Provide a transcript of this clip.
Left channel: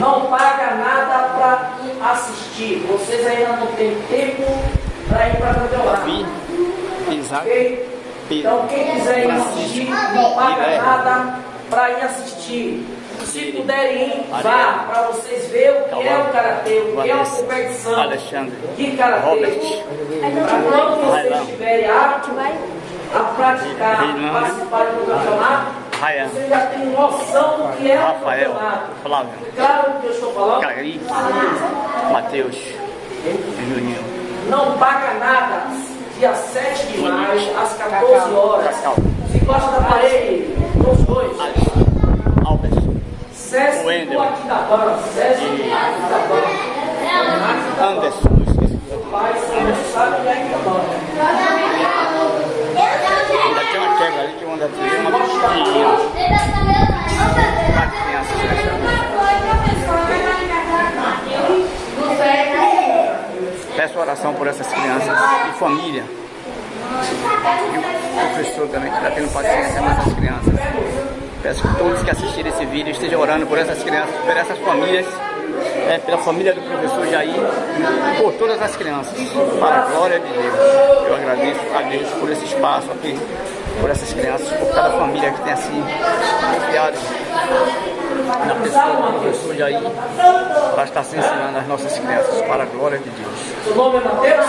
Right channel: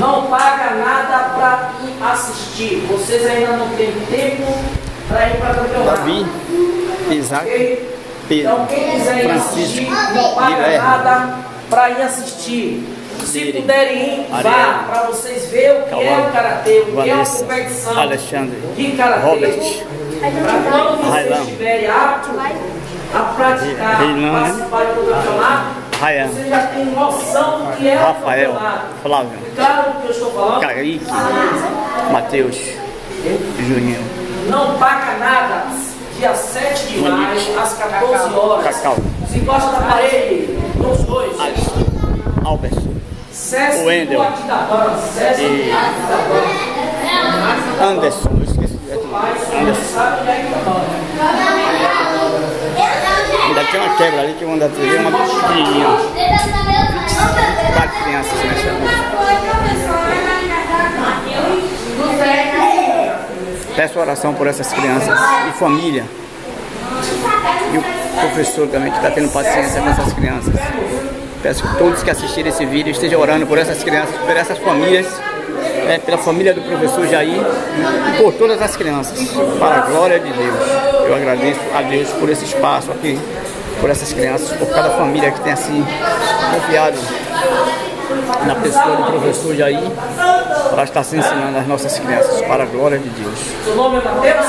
não paga nada para ir assistir. Vocês ainda não têm tempo para ir para a campeonato. Davi, Isaac, Okay? Pedro, Então quem quiser ir assistir, não paga nada para ir assistir. Se puderem ir, vá, para vocês verem o que é o karatê, o que é uma competição Alexandre, de karatê. Robert, Para quando vocês estiverem aptos a praticar, participar do campeonato, Ryan, vocês já têm noção do que é Rafael, o campeonato. Flávio, Claro o que eu estou falando? Kaique, Matheus, Juninho, Não paga nada. Dia 7 de maio, às 14 horas. Cacau, Se gosta da parede, dos dois. Albert, Sesc Wendel. do Atidaban, Sesc do Atidaban. Anderson, eu esqueci de Anderson. Sabe onde é que tá? Ainda tem uma quebra ali que uma da TV, uma pequenininha. 24 crianças nessa noite. Peço oração por essas crianças e família. E o professor também que está tendo paciência com essas crianças. Peço que todos que assistirem esse vídeo estejam orando por essas crianças, por essas famílias, pela família do professor Jair e por todas as crianças, para a glória de Deus. Eu agradeço a Deus por esse espaço aqui, por essas crianças, por cada família que tem assim confiado na pessoa do professor Jair para estar se ensinando as nossas crianças, para a glória de Deus. Seu nome é Matheus?